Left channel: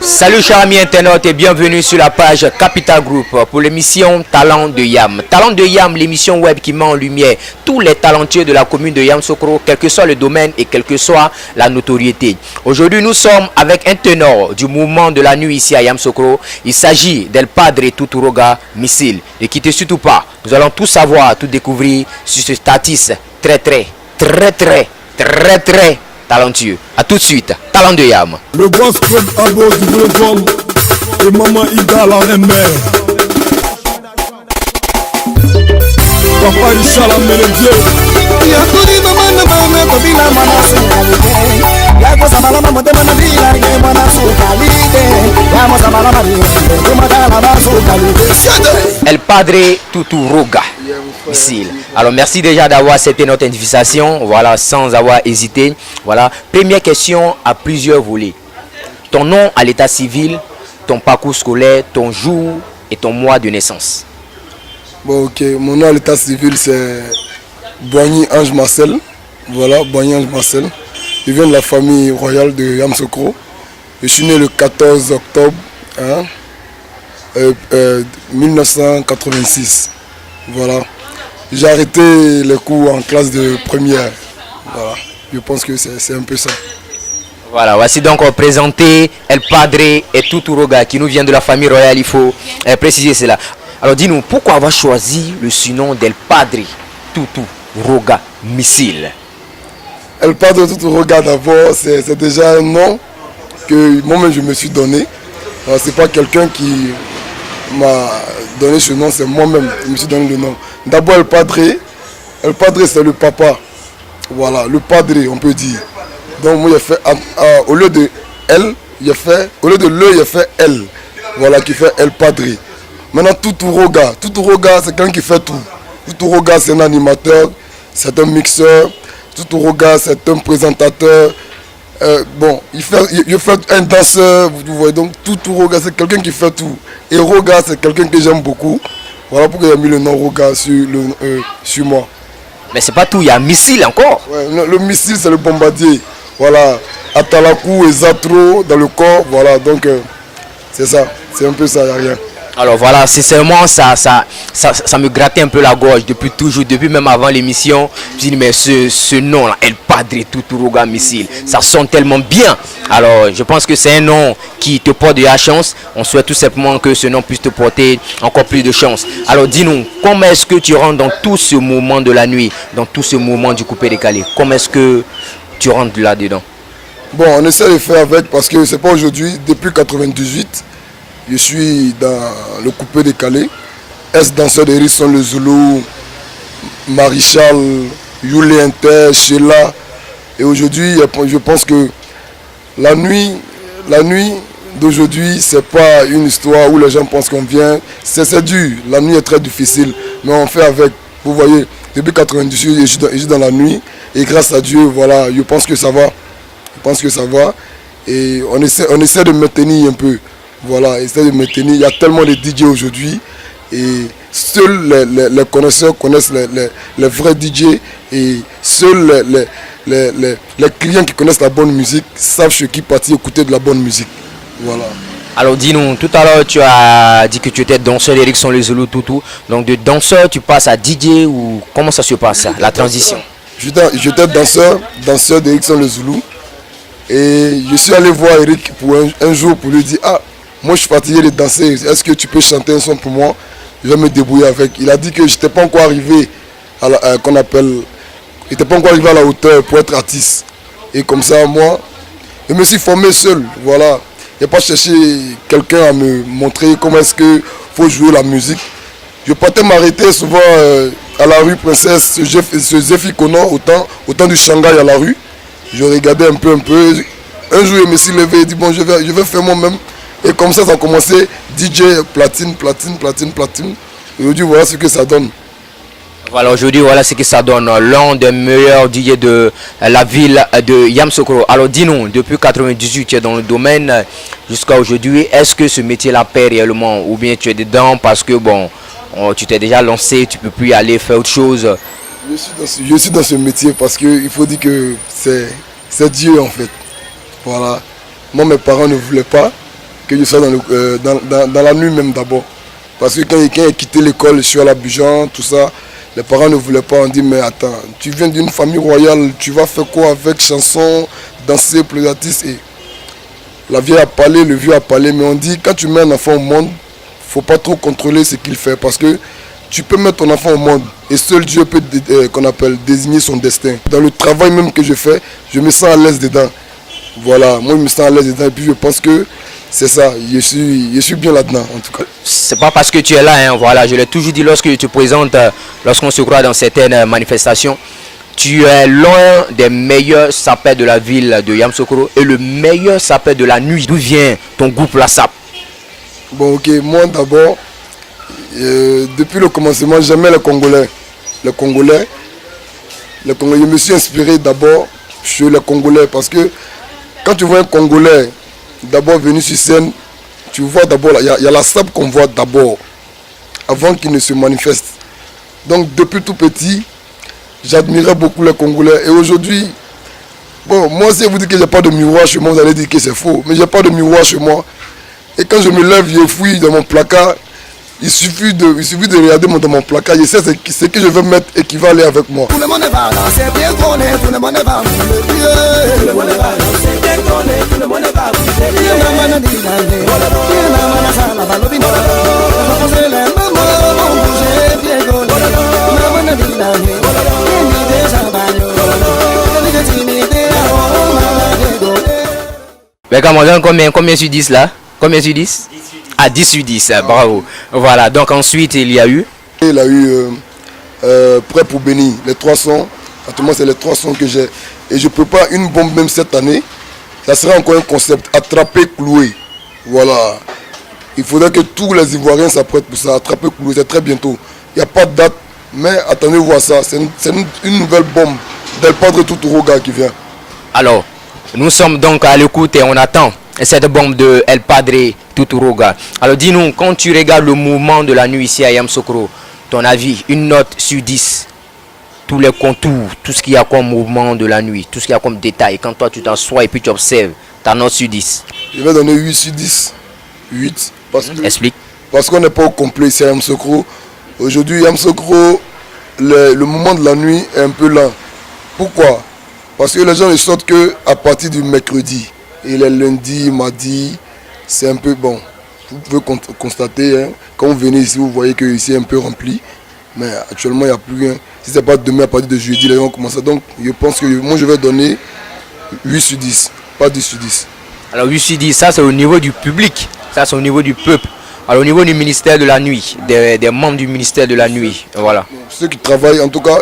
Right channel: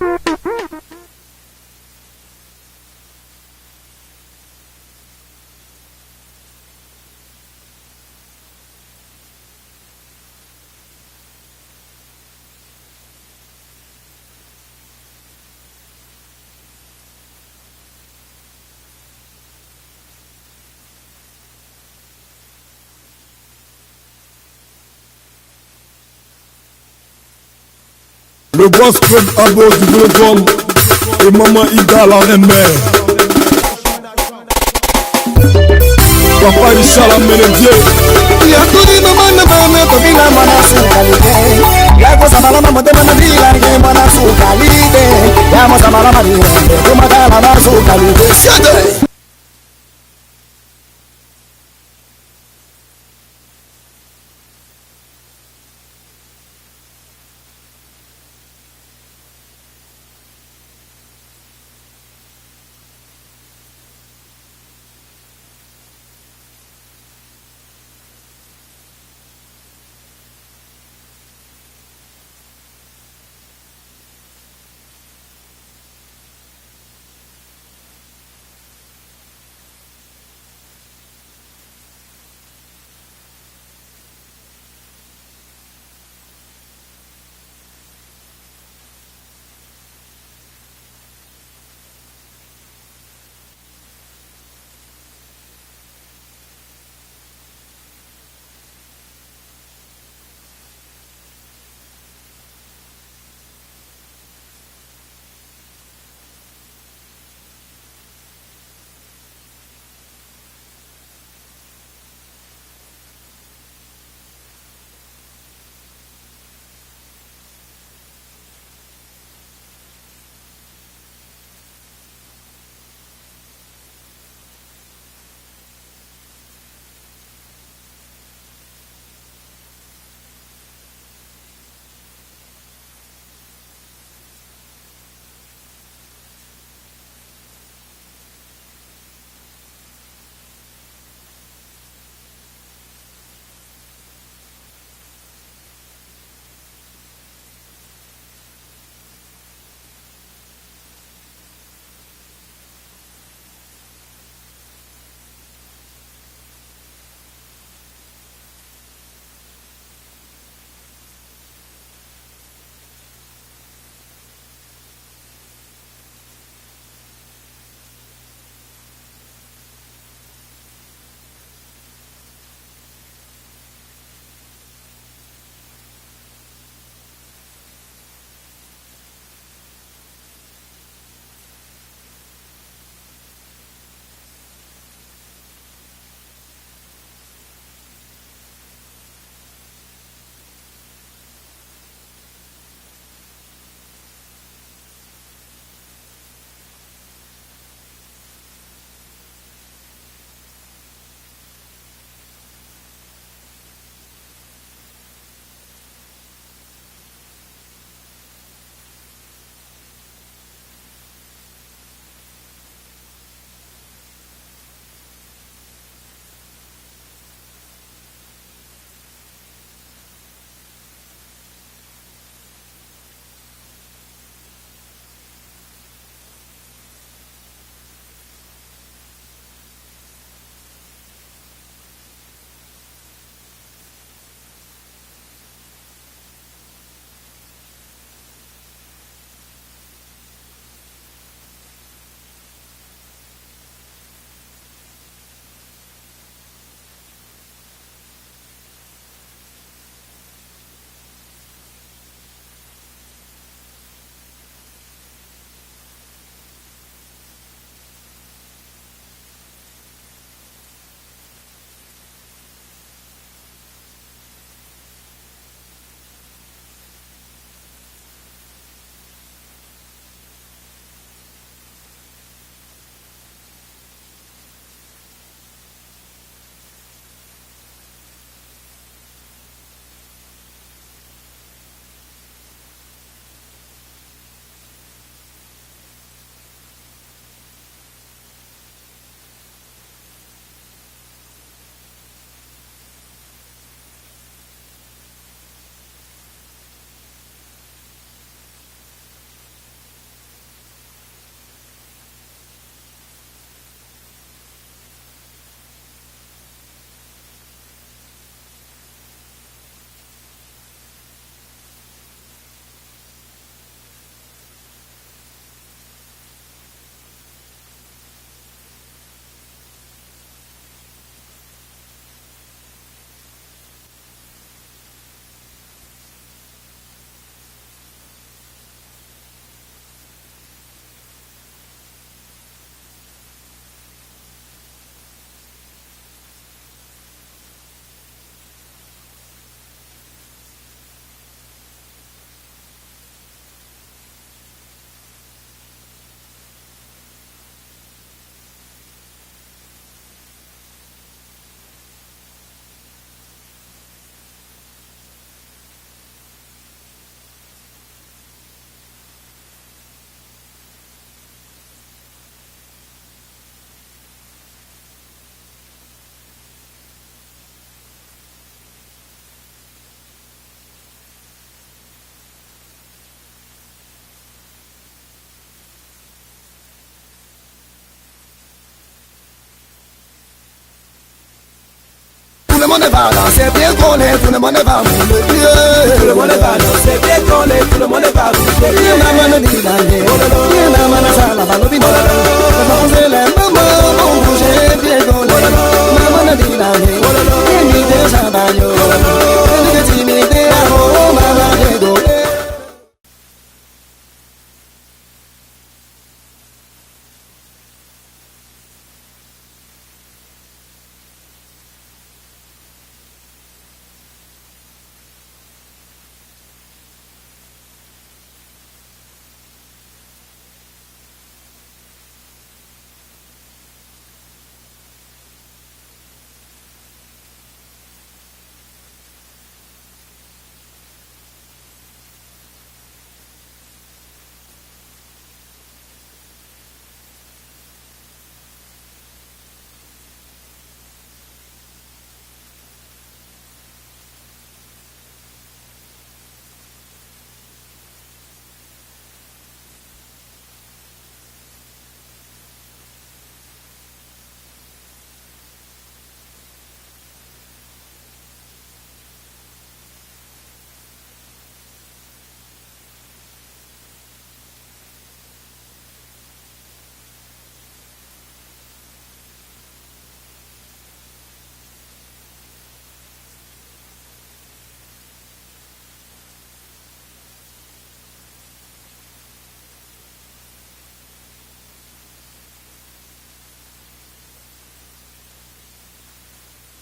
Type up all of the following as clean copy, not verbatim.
Salut chers amis internautes et bienvenue sur la page Capital Group pour l'émission Talent de Yam. Talent de Yam, l'émission web qui met en lumière tous les talentueux de la commune de Yamoussoukro, quel que soit le domaine et quelle que soit la notoriété. Aujourd'hui, nous sommes avec un ténor du mouvement de la nuit ici à Yamoussoukro. Il s'agit d'El Padre Tuturoga Missile. Ne quittez surtout pas, nous allons tout savoir, tout découvrir sur ce artiste très talentueux. A tout de suite, Talent de Yam. Le boss club à bord du Volcom et maman Ida la reine-mère. Papa Richard la mélodie. Yakuri mama na mama kobila mana sukalide. Yako samala mama de mana bila ke mana sukalide. Yamo samala mama de mana mana sukalide. El Padre Tuturoga Missile. Alors merci déjà d'avoir accepté notre invitation, voilà, sans avoir hésité. Voilà, première question à plusieurs volets. Ton nom à l'état civil, ton parcours scolaire, ton jour et ton mois de naissance. Bon, ok, mon nom à l'état civil c'est Boigny Ange Marcel. Voilà, Boigny Ange Marcel. Je viens de la famille royale de Yamoussoukro. Je suis né le 14 octobre 1986. Voilà. J'ai arrêté les cours en classe de première. Voilà. Je pense que c'est un peu ça. Voilà, voici donc présenté El Padre et Tuturoga qui nous vient de la famille royale, il faut préciser cela. Alors dis-nous, pourquoi avoir choisi le surnom d'El Padre Tuturoga Missile? El Padre Tuturoga d'abord, c'est déjà un nom que moi-même je me suis donné. C'est pas quelqu'un qui m'a donné ce nom, c'est moi-même qui me suis donné le nom. D'abord El Padre c'est le papa. Voilà, le Padre on peut dire. Donc moi j'ai fait, au lieu de L, au lieu de le, j'ai fait L. Voilà, qui fait El Padre. Maintenant Tuturoga c'est quelqu'un qui fait tout. Tuturoga c'est un animateur, c'est un mixeur. Tuturoga c'est un présentateur. Bon, il fait un danseur, vous voyez, donc Tuturoga c'est quelqu'un qui fait tout. Et Roga c'est quelqu'un que j'aime beaucoup. Voilà pourquoi j'ai mis le nom Roga sur moi. Mais c'est pas tout, il y a Missile encore. Ouais, le missile c'est le bombardier. Voilà, Atalakou et Zatro dans le corps, voilà, donc c'est ça, c'est un peu ça, il n'y a rien. Alors voilà, sincèrement, ça me grattait un peu la gorge depuis toujours, depuis même avant l'émission. Je me dis, mais ce nom-là, El Padre Tuturoga Missile, ça sonne tellement bien. Alors, je pense que c'est un nom qui te porte de la chance. On souhaite tout simplement que ce nom puisse te porter encore plus de chance. Alors, dis-nous, comment est-ce que tu rentres dans tout ce moment de la nuit, dans tout ce moment du coupé-décalé? Comment est-ce que tu rentres là-dedans? Bon, on essaie de faire avec parce que c'est pas aujourd'hui, depuis 98. Je suis dans le coupé décalé. Ex-danseur d'Hérisson Le Zoulou, Marichal, Yuli Inter, Sheila. Et aujourd'hui, je pense que la nuit d'aujourd'hui, c'est pas une histoire où les gens pensent qu'on vient. C'est dur. La nuit est très difficile. Mais on fait avec. Vous voyez, depuis 98, je suis dans la nuit. Et grâce à Dieu, voilà, je pense que ça va. Et on essaie de maintenir un peu. Voilà, essaie de maintenir. Il y a tellement de DJ aujourd'hui et seuls les connaisseurs connaissent les vrais DJ et seuls les clients qui connaissent la bonne musique savent chez qui partir écouter de la bonne musique. Voilà. Alors dis-nous, tout à l'heure tu as dit que tu étais danseur d'Hérisson Le Zoulou Toutou. Donc de danseur tu passes à DJ ou comment ça se passe la transition? J'étais danseur d'Hérisson Le Zoulou et je suis allé voir Eric pour un jour pour lui dire moi je suis fatigué de danser, est-ce que tu peux chanter un son pour moi? Je vais me débrouiller avec. Il a dit que je n'étais pas encore arrivé à la hauteur pour être artiste. Et comme ça, moi, je me suis formé seul. Voilà. Je n'ai pas cherché quelqu'un à me montrer comment est-ce qu'il faut jouer la musique. Je partais m'arrêter souvent à la rue Princesse, ce Zephy Kono, au temps du Shanghai à la rue. Je regardais un peu. Un jour, je me suis levé et dit bon, je vais faire moi-même. Et comme ça a commencé, DJ, platine. Et aujourd'hui, voilà ce que ça donne. Voilà, aujourd'hui, voilà ce que ça donne. L'un des meilleurs DJ de la ville de Yamoussoukro. Alors, dis-nous, depuis 98, tu es dans le domaine jusqu'à aujourd'hui. Est-ce que ce métier-là paie réellement ou bien tu es dedans parce que, bon, tu t'es déjà lancé, tu peux plus y aller faire autre chose. Je suis dans ce métier parce qu'il faut dire que c'est Dieu en fait. Voilà. Moi, mes parents ne voulaient pas que je sois dans la nuit même d'abord. Parce que quand j'ai quitté l'école, je suis à l'Abidjan, tout ça, les parents ne voulaient pas. On dit, mais attends, tu viens d'une famille royale, tu vas faire quoi avec chansons, danser, plaisantistes et la vieille a parlé, le vieux a parlé, mais on dit, quand tu mets un enfant au monde, il ne faut pas trop contrôler ce qu'il fait. Parce que tu peux mettre ton enfant au monde et seul Dieu peut qu'on appelle désigner son destin. Dans le travail même que je fais, je me sens à l'aise dedans. Voilà, moi je me sens à l'aise dedans et puis je pense que c'est ça, je suis bien là-dedans en tout cas. C'est pas parce que tu es là, hein, voilà, je l'ai toujours dit lorsque tu te présentes, lorsqu'on se croit dans certaines manifestations, tu es l'un des meilleurs sapeurs de la ville de Yamoussoukro et le meilleur sapeur de la nuit. D'où vient ton groupe La Sape? Bon ok, moi d'abord, depuis le commencement, j'aimais les Congolais. Les Congolais, je me suis inspiré d'abord sur les Congolais parce que quand tu vois un Congolais d'abord venu sur scène, tu vois d'abord, il y a la Sape qu'on voit d'abord, avant qu'il ne se manifeste. Donc depuis tout petit, j'admirais beaucoup les Congolais. Et aujourd'hui, bon, moi si vous dites que j'ai pas de miroir chez moi, vous allez dire que c'est faux. Mais j'ai pas de miroir chez moi. Et quand je me lève, je fouille dans mon placard. Il suffit de regarder dans mon placard, je sais ce que je veux mettre et qui va aller avec moi. Tout le monde va danser bien collé, tout le monde va mouler. Tout le monde va danser bien collé, tout le monde va mouler. Il y a maman dit la gueule, il y a maman ça la balobino. La fa poser les mamans, on bouge bien collé. Maman dit la gueule, il me dit ça bagno. Il me dit timide, oh maman dégoûté. Mais Cameroun, combien sur 10 là? Combien sur 10? Ah, 10 sur 10, bravo. Voilà, donc ensuite il y a eu? Il a eu Prêt pour bénir, les 3 sons. Actuellement, c'est les 3 sons que j'ai. Et je peux pas, une bombe même cette année, ça sera encore un concept, attraper, clouer. Voilà. Il faudrait que tous les Ivoiriens s'apprêtent pour ça, attraper, clouer, c'est très bientôt. Il n'y a pas de date, mais attendez voir ça. C'est une nouvelle bombe d'El Padre Tuturoga qui vient. Alors, nous sommes donc à l'écoute et on attend cette bombe de El Padre Tuturoga. Alors dis-nous, quand tu regardes le mouvement de la nuit ici à Yamoussoukro, ton avis, une note sur 10, tous les contours, tout ce qu'il y a comme mouvement de la nuit, tout ce qu'il y a comme détail, quand toi tu t'assois et puis tu observes, ta note sur 10. Je vais donner 8 sur 10. 8. Explique. Parce qu'on n'est pas au complet ici à Yamoussoukro. Aujourd'hui, Yamoussoukro, le moment de la nuit est un peu lent. Pourquoi? Parce que les gens ne sortent qu'à partir du mercredi. Et les lundis, mardis, c'est un peu bon. Vous pouvez constater, hein, quand vous venez ici, vous voyez que ici est un peu rempli. Mais actuellement, il n'y a plus rien. Si ce n'est pas demain, à partir de jeudi, les gens commencent. Donc, je pense que moi, je vais donner 8 sur 10, pas 10 sur 10. Alors 8 sur 10, ça c'est au niveau du public, ça c'est au niveau du peuple. Alors au niveau du ministère de la nuit, des membres du ministère de la nuit, voilà. Ceux qui travaillent, en tout cas,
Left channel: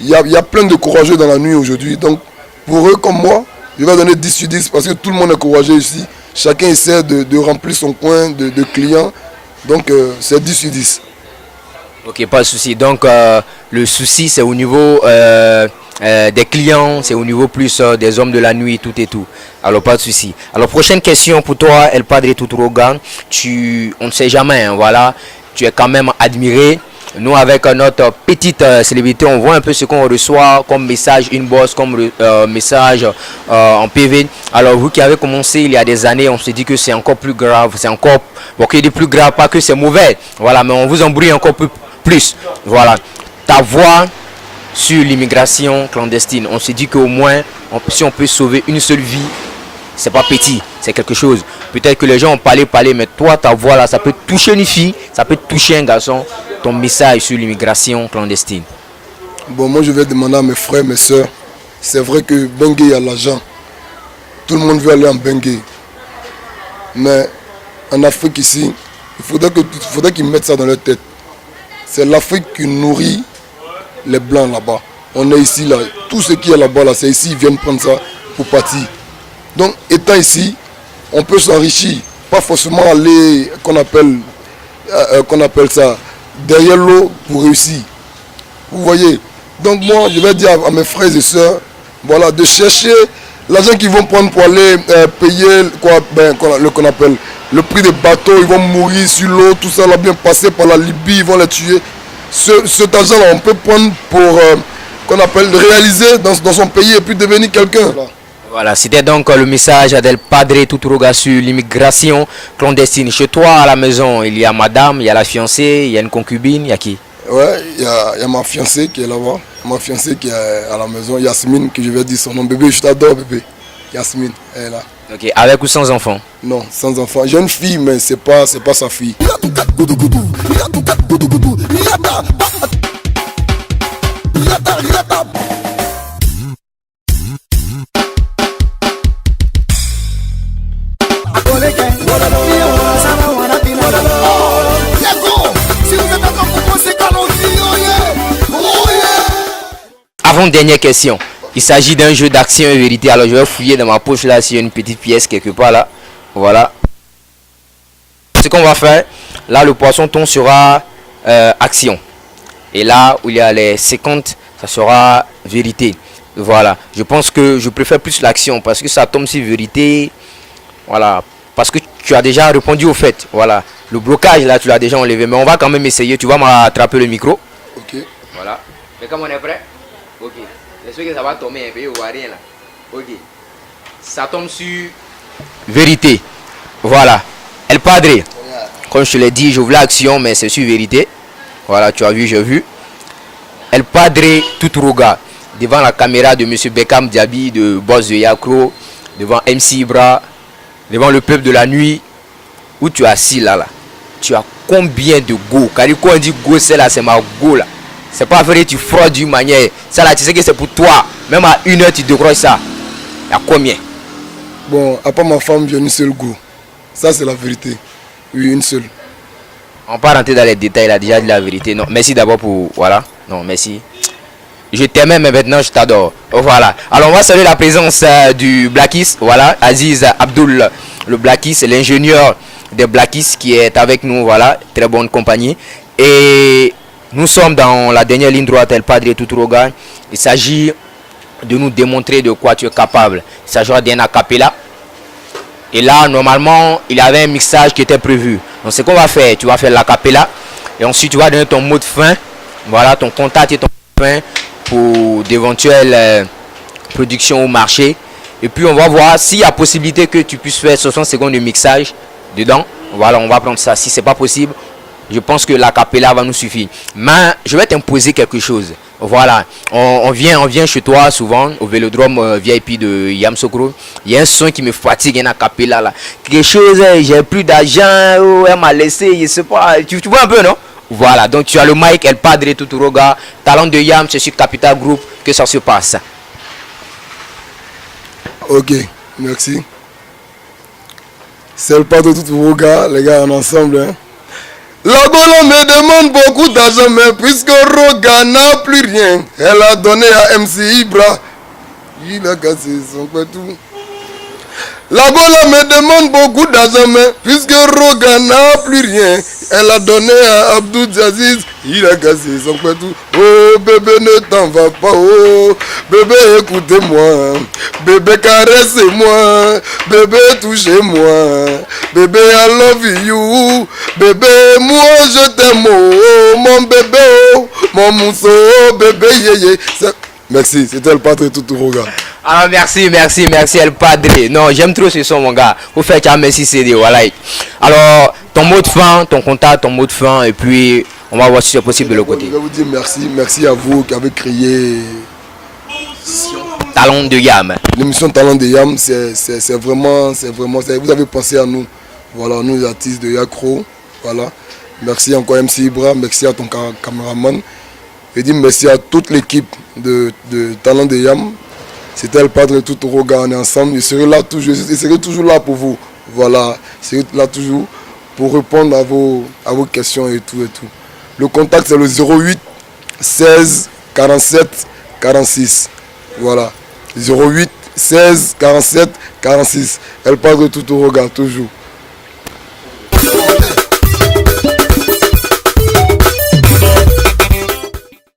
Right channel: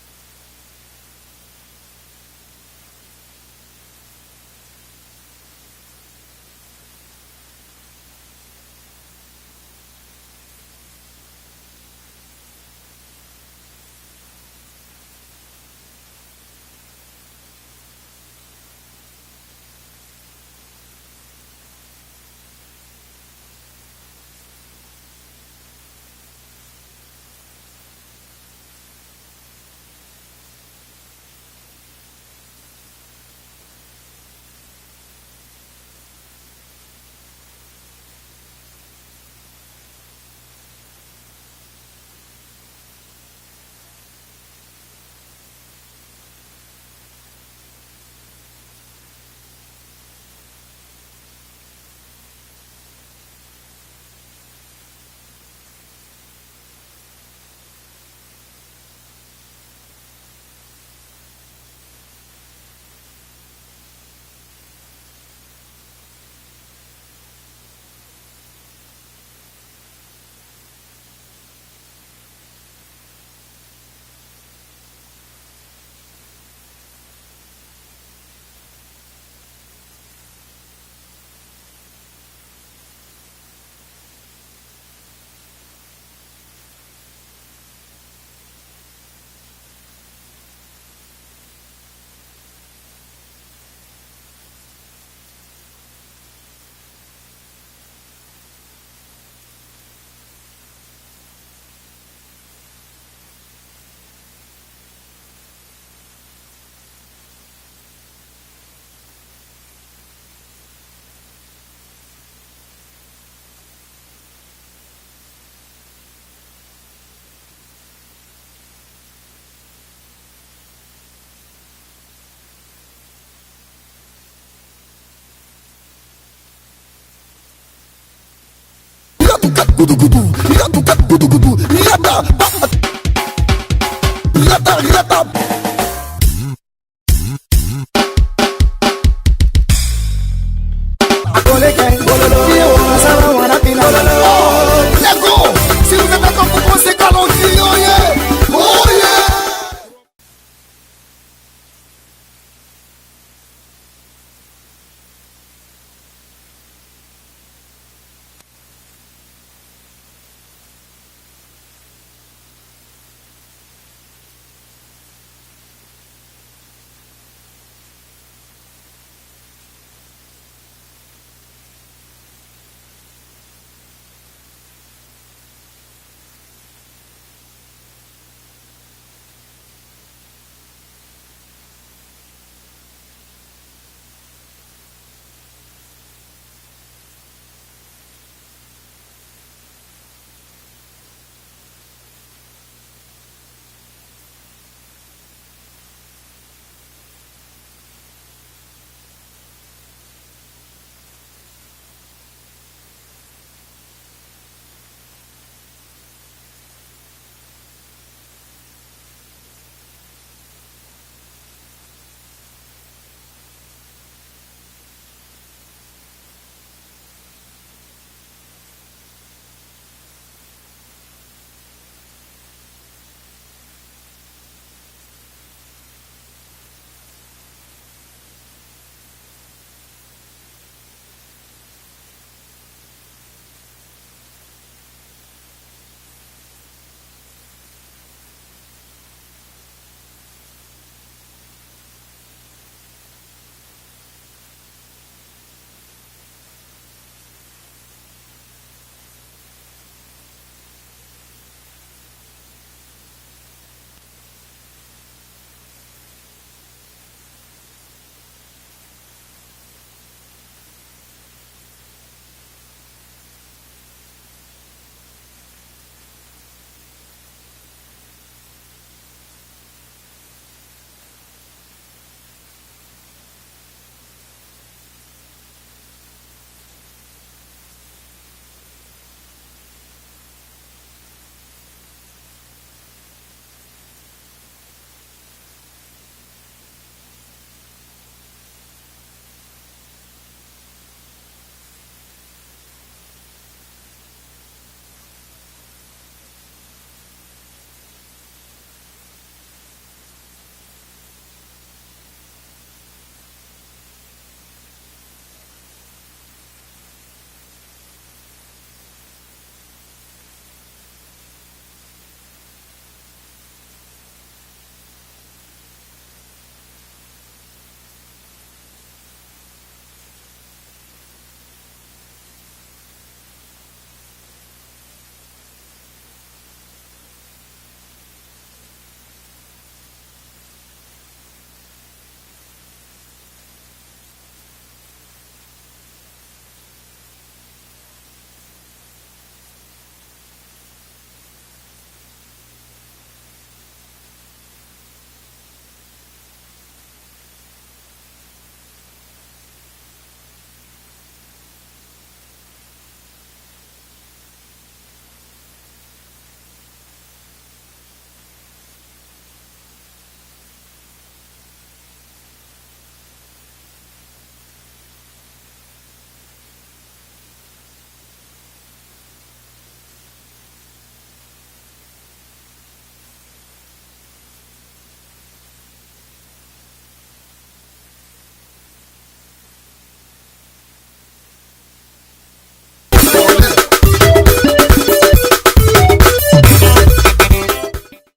il y a plein de courageux dans la nuit aujourd'hui. Donc, pour eux comme moi, je vais donner 10 sur 10 parce que tout le monde est courageux ici. Chacun essaie de remplir son coin de clients. Donc, c'est 10 sur 10. Ok, pas de souci. Donc, le souci, c'est au niveau des clients, c'est au niveau plus des hommes de la nuit, tout et tout. Alors, pas de souci. Alors, prochaine question pour toi, El Padre Tuturoga. On ne sait jamais, hein, voilà. Tu es quand même admiré. Nous, avec notre petite célébrité, on voit un peu ce qu'on reçoit comme message inbox, comme message en PV. Alors, vous qui avez commencé il y a des années, on se dit que c'est encore plus grave. C'est encore, bon, qu'il est plus grave, pas que c'est mauvais. Voilà, mais on vous embrouille encore plus. Voilà. Ta voix sur l'immigration clandestine, on se dit qu'au moins, si on peut sauver une seule vie, c'est pas petit, c'est quelque chose. Peut-être que les gens ont parlé, mais toi, ta voix là, ça peut toucher une fille, ça peut toucher un garçon. Ton message sur l'immigration clandestine. Bon, moi je vais demander à mes frères, mes soeurs. C'est vrai que Bengué, il y a l'argent. Tout le monde veut aller en Bengué. Mais en Afrique ici, il faudrait qu'ils mettent ça dans leur tête. C'est l'Afrique qui nourrit les Blancs là-bas. On est ici, là. Tout ce qui est là-bas, là, c'est ici, ils viennent prendre ça pour partir. Donc, étant ici, on peut s'enrichir. Pas forcément aller, qu'on appelle ça, derrière l'eau pour réussir. Vous voyez. Donc moi, je vais dire à mes frères et sœurs, voilà, de chercher l'argent qu'ils vont prendre pour aller payer qu'on appelle le prix des bateaux, ils vont mourir sur l'eau, tout ça va bien passer par la Libye, ils vont les tuer. Cet argent-là, on peut prendre pour, qu'on appelle, réaliser dans son pays et puis devenir quelqu'un. Voilà, c'était donc le message d'El Padre Tuturuga sur l'immigration clandestine. Chez toi, à la maison, il y a madame, il y a la fiancée, il y a une concubine, il y a qui? Ouais, il y a ma fiancée qui est là-bas, ma fiancée qui est à la maison, Yasmine, que je vais dire son nom. Bébé, je t'adore, bébé. Yasmine, elle est là. Ok, avec ou sans enfant? Non, sans enfant. J'ai une fille, mais c'est pas sa fille. Avant-dernière question. Il s'agit d'un jeu d'action et vérité. Alors je vais fouiller dans ma poche là s'il y a une petite pièce quelque part là. Voilà. Ce qu'on va faire, là le poisson ton sera action. Et là où il y a les 50, ça sera vérité. Voilà. Je pense que je préfère plus l'action parce que ça tombe sur vérité. Voilà. Parce que tu as déjà répondu au fait. Voilà. Le blocage là tu l'as déjà enlevé. Mais on va quand même essayer. Tu vas m'attraper le micro. Ok. Voilà. Mais comme on est prêt? Ok. J'espère que ça va tomber un peu, on voit rien là. Ok. Ça tombe sur vérité. Voilà. El Padre. Comme je te l'ai dit, je voulais action, mais c'est sur vérité. Voilà, tu as vu, j'ai vu. El Padre Tuturuga. Devant la caméra de M. Beckham Diaby, de Boss de Yakro, devant MC Ibra, devant le peuple de la nuit, où tu es assis là. Tu as combien de go? Car quand on dit go, c'est là, c'est ma go là. C'est pas vrai, tu fraudes d'une manière. Ça là, tu sais que c'est pour toi. Même à 1 heure, tu décroches ça. Il y a combien? Bon, à part ma femme, j'ai une seule go. Ça, c'est la vérité. Oui, une seule. On va pas rentrer dans les détails, il a déjà dit la vérité. Non, merci d'abord pour... Voilà. Non, merci. Je t'aimais, mais maintenant, je t'adore. Voilà. Alors, on va saluer la présence du Blackis. Voilà. Aziz Abdul, le Blackis, l'ingénieur des Blackis qui est avec nous. Voilà. Très bonne compagnie. Et... nous sommes dans la dernière ligne droite, El Padre Tuturuga. Il s'agit de nous démontrer de quoi tu es capable. Il s'agira d'un a cappella. Et là, normalement, il y avait un mixage qui était prévu. Donc, ce qu'on va faire, tu vas faire la cappella. Et ensuite, tu vas donner ton mot de fin. Voilà, ton contact et ton mot de fin pour d'éventuelles productions au marché. Et puis, on va voir s'il y a possibilité que tu puisses faire 60 secondes de mixage dedans. Voilà, on va prendre ça. Si ce n'est pas possible, je pense que la cappella va nous suffire. Mais je vais t'imposer quelque chose. Voilà. On vient chez toi souvent au vélodrome VIP de Yamoussoukro. Il y a un son qui me fatigue, un cappella là. Quelque chose, j'ai plus d'argent, oh, elle m'a laissé, je sais pas. Tu vois un peu, non? Voilà. Donc tu as le mic, El Padre Tuturuga, Talent de Yam, c'est sur Capital Group que ça se passe. Ok, merci. C'est El Padre Tuturuga, les gars, en ensemble. Hein. La Golo me demande beaucoup d'argent, mais puisque Roga n'a plus rien, elle a donné à MC Ibra. Il a cassé son tout. La Golo me demande beaucoup d'argent, mais puisque Roga n'a plus rien, elle a donné à Abdou Aziz. Il a cassé son tout. Oh bébé, ne t'en va pas, oh bébé, écoutez-moi, bébé, caressez-moi, bébé, touchez-moi, bébé, I love you, bébé, moi je t'aime, oh mon bébé, oh mon mousseau, oh bébé, yéyé. Merci, c'était El Padre Tuturuga. Ah merci El Padre. Non, j'aime trop ce son mon gars. Vous faites un merci CD, voilà. Alors, ton mot de fin, ton contact, ton mot de fin, et puis on va voir si c'est possible de l'autre côté. Je vais vous dire merci à vous qui avez créé Talent de Yam. L'émission Talent de Yam, c'est vraiment, vous avez pensé à nous. Voilà, nous les artistes de Yakro. Voilà. Merci encore MC Ibra, merci à ton caméraman. Je dis merci à toute l'équipe de Talent de Yam. C'était El Padre Tuturuga, on est ensemble. Je serai là toujours, je serai toujours là pour vous. Voilà, je serai là toujours pour répondre à vos questions et tout. Le contact c'est le 08 16 47 46. Voilà, 08 16 47 46. El Padre Tuturuga, toujours.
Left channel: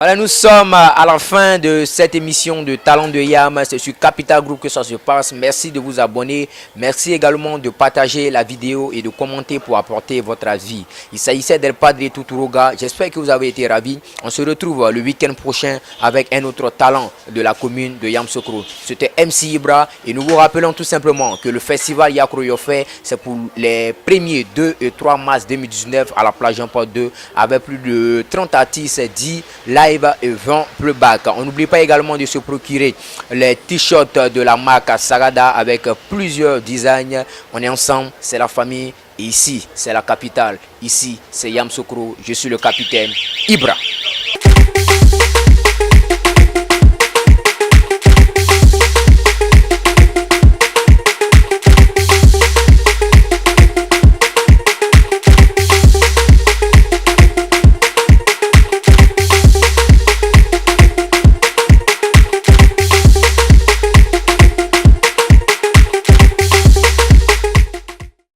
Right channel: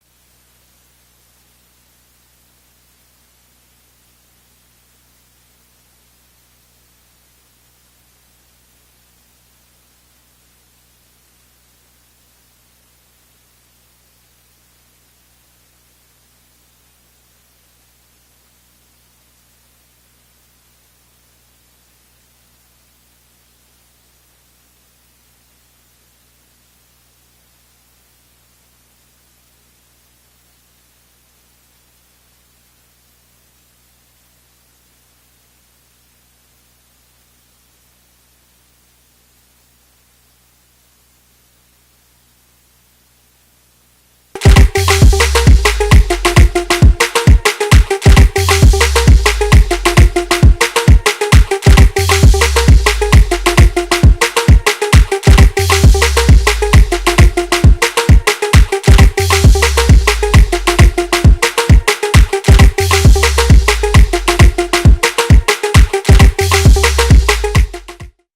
Voilà Voilà, nous sommes à la fin de cette émission de Talent de Yam. C'est sur Capital Group que ça se passe. Merci de vous abonner. Merci également de partager la vidéo et de commenter pour apporter votre avis. Il s'agissait d'El Padre Tuturuga. J'espère que vous avez été ravis. On se retrouve le week-end prochain avec un autre talent de la commune de Yamoussoukro. C'était MC Ibra et nous vous rappelons tout simplement que le festival Yakro Yofé, c'est pour les 1er, 2 et 3 mars 2019 à la plage Jean-Paul II avec plus de 30 artistes 10 live et 20 playback. On n'oublie pas également de se procurer les t-shirts de la marque Sagada avec plusieurs designs. On est ensemble, c'est la famille. Et ici, c'est la capitale. Ici, c'est Yamoussoukro. Je suis le capitaine Ibra.